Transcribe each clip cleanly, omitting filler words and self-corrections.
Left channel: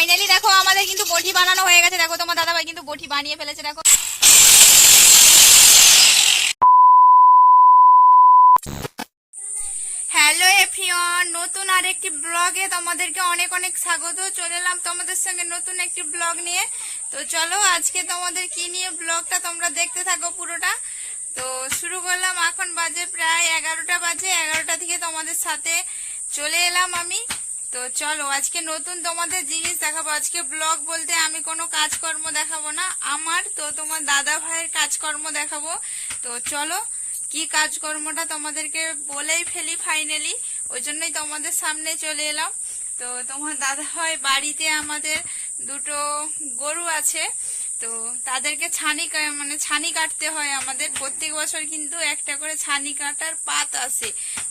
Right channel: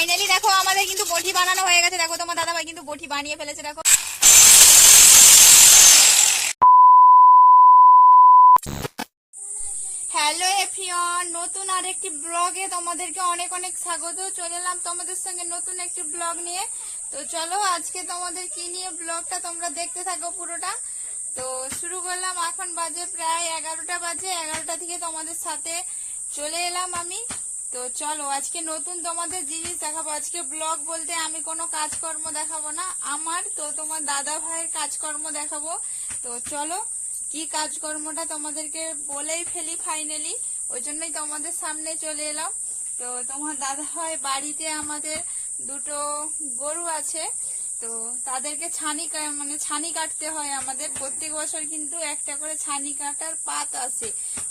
Finally দেখো আমাদের কিন্তু বটি বানানো হয়ে গেছে। দেখো তোমার দাদা ভাই কিন্তু বটি বানিয়ে ফেলেছে। দেখো হ্যালো এভরিওয়ান, নতুন আরেকটি ব্লগে তোমাদেরকে অনেক অনেক স্বাগত। চলে এলাম তোমাদের সঙ্গে নতুন একটি ব্লগ নিয়ে। তো চলো আজকে তোমাদের কি নিয়ে ব্লগটা তোমরা দেখতে থাকো পুরোটা। তো শুরু করলাম, এখন বাজে প্রায় 11টা বাজে। 11টা থেকে তোমাদের সাথে চলে এলাম আমি। তো চলো আজকে নতুন তোমাদের জিনিস দেখাবো। আজকে ব্লগ বলতে আমি কোনো কাজকর্ম দেখাবো না আমার, তো তোমার দাদা ভাইয়ের কাজকর্ম দেখাবো। তো চলো কি কাজকর্মটা তোমাদেরকে বলেই ফেলি ফাইনালি, ওই জন্যই তোমাদের সামনে চলে এলাম। তো তোমার দাদা ভাই বাড়িতে আমাদের দুটো গরু আছে, তো তাদেরকে ছানি কাটতে হয় আমাদের। প্রত্যেক বছর কিন্তু একটা করে ছানি কাটার পাত আসে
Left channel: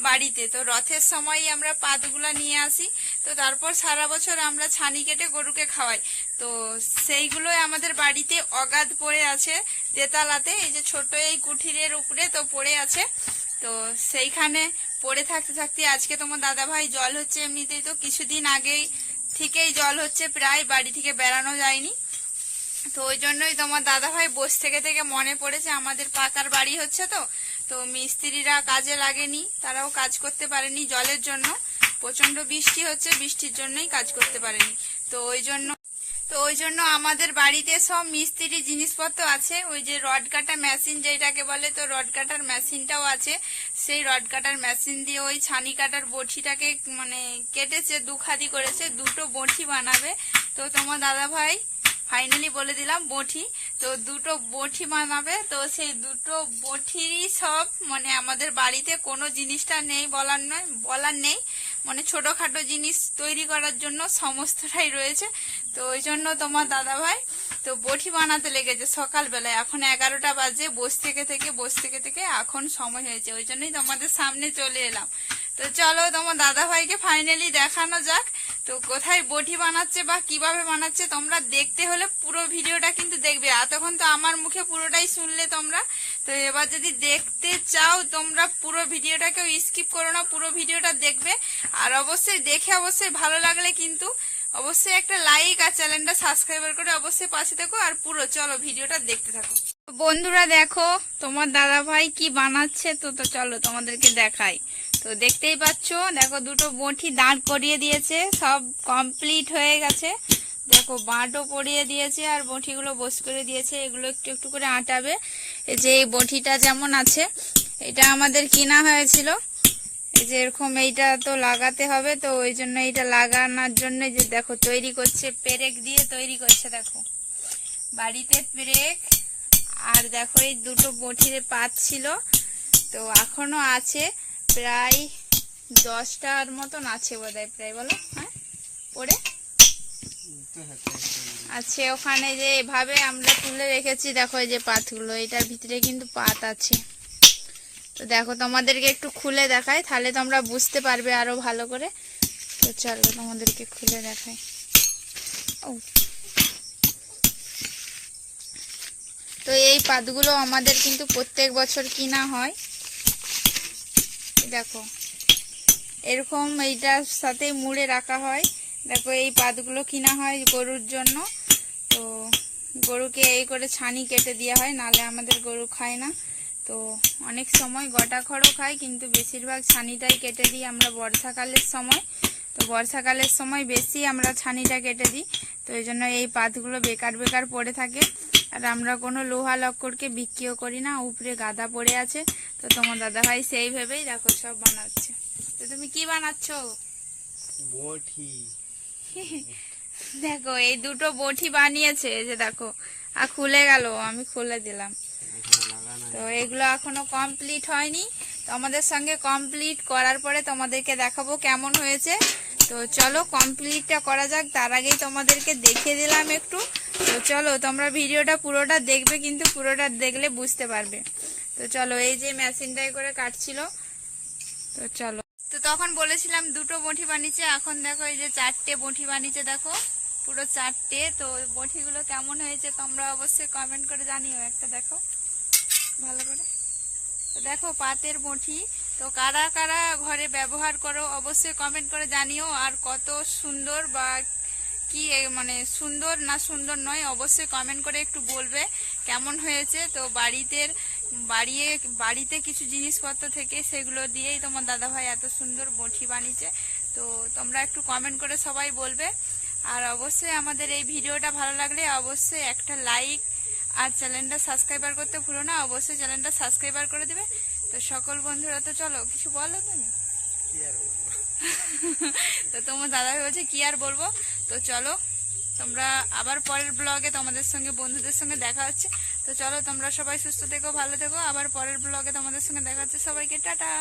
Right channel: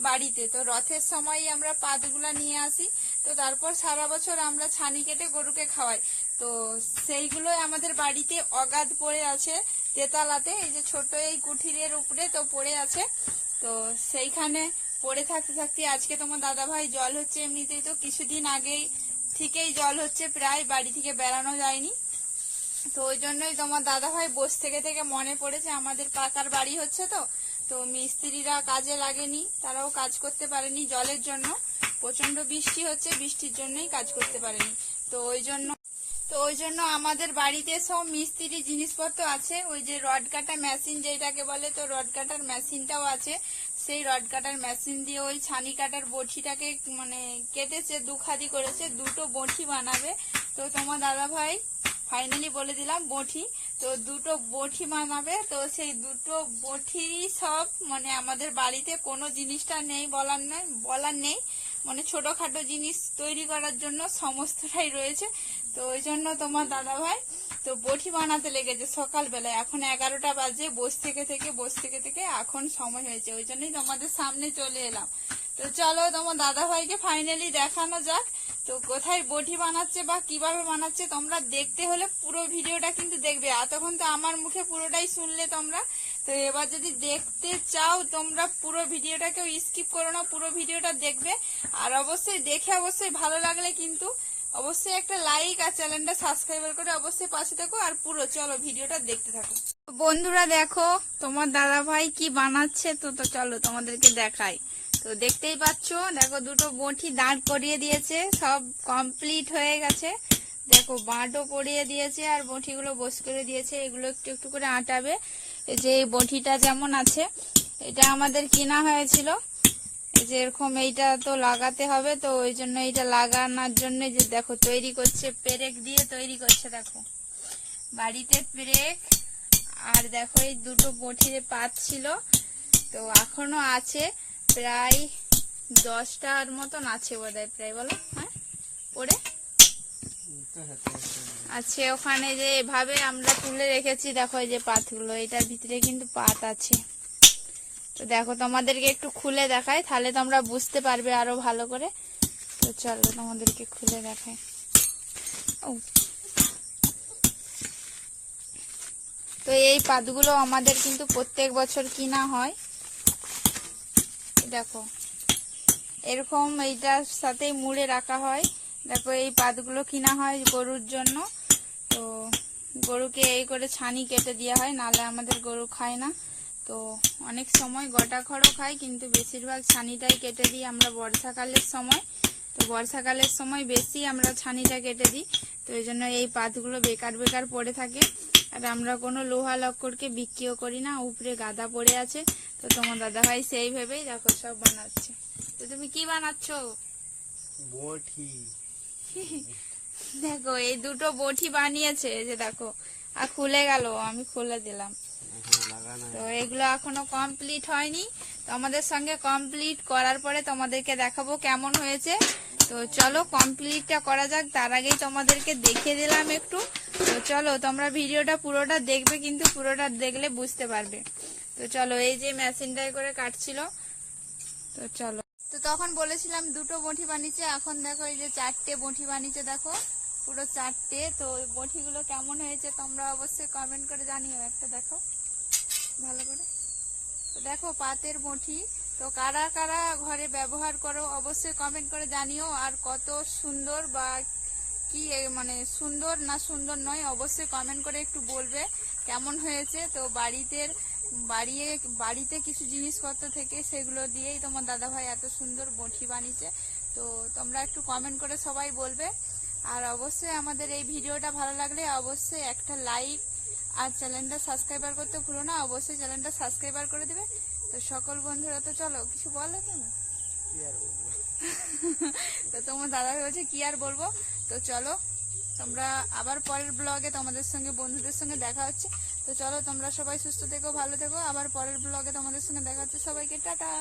বাড়িতে। তো রথের সময় আমরা পাতগুলা নিয়ে আসি, তো তারপর সারা বছর আমরা ছানি কেটে গরুকে খাওয়াই। তো সেইগুলোই আমাদের বাড়িতে অগাধ পড়ে আছে তেতালাতে, এই যে ছোট এই কুঠিরের উপরে তো পড়ে আছে। তো সেইখানে পড়ে থাকতে থাকতে আজকে তোমার দাদা ভাই জল হচ্ছে। এমনিতেই তো কিছুদিন আগেই থেকেই জল হচ্ছে, প্রায় বাড়ি থেকে বেরানো যায়নি। তো ওই জন্যই তোমার দাদা ভাই বসে থেকে থেকে মনে পড়েছে আমাদের পাকার বাড়ি হচ্ছে, তো মিস্ত্রিরা কাজে লাগেনি, তারাও কাজ করতে পারেনি জলের জন্য। প্রচন্ড বৃষ্টি হচ্ছে, বৃষ্টির জন্যই কাজ করতে পারেনি। তো ওই জন্য আমাদের বাড়িতে সব মিস্ত্রি জিনিসপত্র আছে। ওই যে রড কাটা মেশিন যেটাকে বলে, তো রড কাটার মেশিনটাও আছে। সেই রড কাটার মেশিন দিয়ে ওই ছানি কাটার বটিটাকে কেটেছে, দুখাদি করেছে, দুটো বটি বানাবে। তো তোমার দাদা ভাই ফাইনালি বলে দিলাম বটি, তো দুটো বটি বানাবে। তো সেই দুটো বটিরই সব আমাদের বাড়িতে কোনো জিনিসটা নেই বলার নেই, ছোটখাটো জিনিস তৈরি করার জন্য সমস্তটাই রয়েছে। তো ওই জন্য তোমার দাদা ভাই তো বটি বানাতে লেগেছে সকালবেলায়। এখন 11টা বাজে, বসে থেকে এখন সময় হয়েছে, ওই জন্যই তোমাদের সামনে চলে এলাম। তো চলো তোমার দাদা ভাইকে ফাইনালি দেখানো যাক। তো কোথায় বটি বানাচ্ছে বা কিভাবে বানাচ্ছে তোমরা দেখতে হলে পুরো ভিডিওটা কিন্তু দেখবে। এতক্ষণ তো আমার মুখে পুরোটাই শুনলে তোমরা, তো এবার যদি দেখতে চাও তোমরা পুরো ভিডিওটাকেও স্কিপ করো না, পুরো ভিডিওটা দেখবে। আর অবশ্যই দেখে অবশ্যই ভালো লাগলে কিন্তু অবশ্যই একটা লাইক আর চ্যানেলটা সাবস্ক্রাইব করে অবশ্যই পাশে থাকো। আর পুরো চলো ভিডিওটা দেখতে থাকো। বন্ধুরা দেখো তোমার দাদা ভাই কি বানাচ্ছে, তো চলো তোমাদেরকে দেখাই। তো দেখতেই পাচ্ছ, দেখো দুটো বটি দাঁড় করিয়ে দিয়েছে, সব কমপ্লিট হয়ে গেছে। দেখো বাঁটও পরিয়ে দিয়েছে আর বটিগুলো বস করে দিয়েছে। এগুলো একটু একটু করে আটাবে। এই যে এই বটিটা যেমন আছে, এটা আমাদের কিনা হয়েছিল। এই যে এরকম এইটা তো লাগাতে হবে, তো ওই জন্য এইটা লাগানোর জন্য যে দেখো তৈরি করছে, পেরেক দিয়ে তৈরি করছে। দেখো বাড়িতে পেরেক, আর দেখো এই দুটো বটির পাত ছিল, তো এখনো আছে প্রায় 10টার মতন আছে বোধহয়, প্রায় বলো হ্যাঁ পড়ে আছে ওখানে। যে এভাবে আমরা তুলে রেখেছি, দেখো এই যে পাতগুলো, এটার ভিতরে কিন্তু পাত আছে। তো দেখো তোমাদেরকে একটু খুলে দেখাই, তাহলে তোমরা বুঝতে পারবে আরো ভালো করে। তো চলো তোমাদেরকে খুলে দেখাই। ও তো এই পাতগুলো আমাদের কিন্তু প্রত্যেক বছর কিনা হয়। দেখো এরকম এইটার সাথে মুড়ে রাখা হয়। দেখো এই পাতগুলো কিনা হয় গরুর জন্য। তো গরুকে এই করে ছানি কেটে দেওয়া হয়, নালে আমাদের গরু খায় না। তো অনেক সময় গোটা খড়ও খায়, কিন্তু বেশিরভাগ ছানিটাই কেটে দিই আমরা বর্ষাকালের সময়। তো বর্ষাকালের সময় বেশি আমরা ছানিটা কেটে দিই। তো এই জন্য এই পাতগুলো বেকার বেকার পড়ে থাকে। আর আমরা কোনো লোহা লক্করকে বিক্রিও করি না, উপরে গাদা পড়ে আছে। তো তোমার দাদা ভাই সেই ভেবেই দেখো সব বানাচ্ছে। তো তুমি কি বানাচ্ছ? বটি। দেখো এই দুটো বটি বানিয়েছে, যে দেখো আর খুলে গেল, আমি খুলে দিলাম। তো এগুলো এখনো কমপ্লিট হয়নি, তো আমাদের সঙ্গে কমপ্লিট করার পরে তোমাদেরকে দেখাবো কেমন হয়েছে। তো চলো কমপ্লিটটা করা যাক, তার আগেই তোমাদেরকে দেখিয়ে দিলাম একটু। তো চলো তোমরা ভিডিওটা পুরোটা দেখবে, কিন্তু পুরোটা দেখলে বুঝতে পারবে। তো চলো এই যে মেশিনটাই করে কাটছিল। তো চলো, তো তখন বলেছিলাম দুটো বটি বানিয়েছে, এখন দেখো এই যে 4টে বটি বানিয়েছে। দেখো পুরো 4টে। তো বটিগুলো কেমন হয়েছে তোমরা অবশ্যই কমেন্ট করে জানিও। একটা দেখো ভালো করে। তো দেখো পাতের বটি, তো কারা কারা ঘরে ব্যবহার করো অবশ্যই কমেন্ট করে জানিও। আর কত সুন্দর বা কি মানে সুন্দর না সুন্দর নয় অবশ্যই কমেন্ট করে একটু বলবে কেমন হয়েছে। তো বাড়িতে কিছু জিনিসপত্র থেকে সেগুলো দিয়েই তোমার দাদাভাই এত সুন্দর বটি বানিয়েছে। তো তোমরা একটু কমেন্ট করে সবাই বলবে। আর অবশ্যই আমাদের এই ভিডিওটা ভালো লাগলে অবশ্যই একটা লাইক আর চ্যানেলটা সাবস্ক্রাইবার করতে ভুলো না, অবশ্যই চ্যানেলটা সাবস্ক্রাইবার করে দেবে। তো সকল বন্ধুরা, তো চলো কিছু বলো তুমি। কি আর বলবো? তো তোমার দাদাভাই বলছে কি আর বলবো। তো চলো তোমরা আবার পরের ব্লগে তোমাদের সঙ্গে বন্ধুদের সঙ্গে দেখা হচ্ছে। তো চলো তোমরা সবাই সুস্থ থেকো, ভালো থেকো, আবার পরের ব্লগে তোমাদের সঙ্গে দেখা হচ্ছে। সবাইকে টাটা।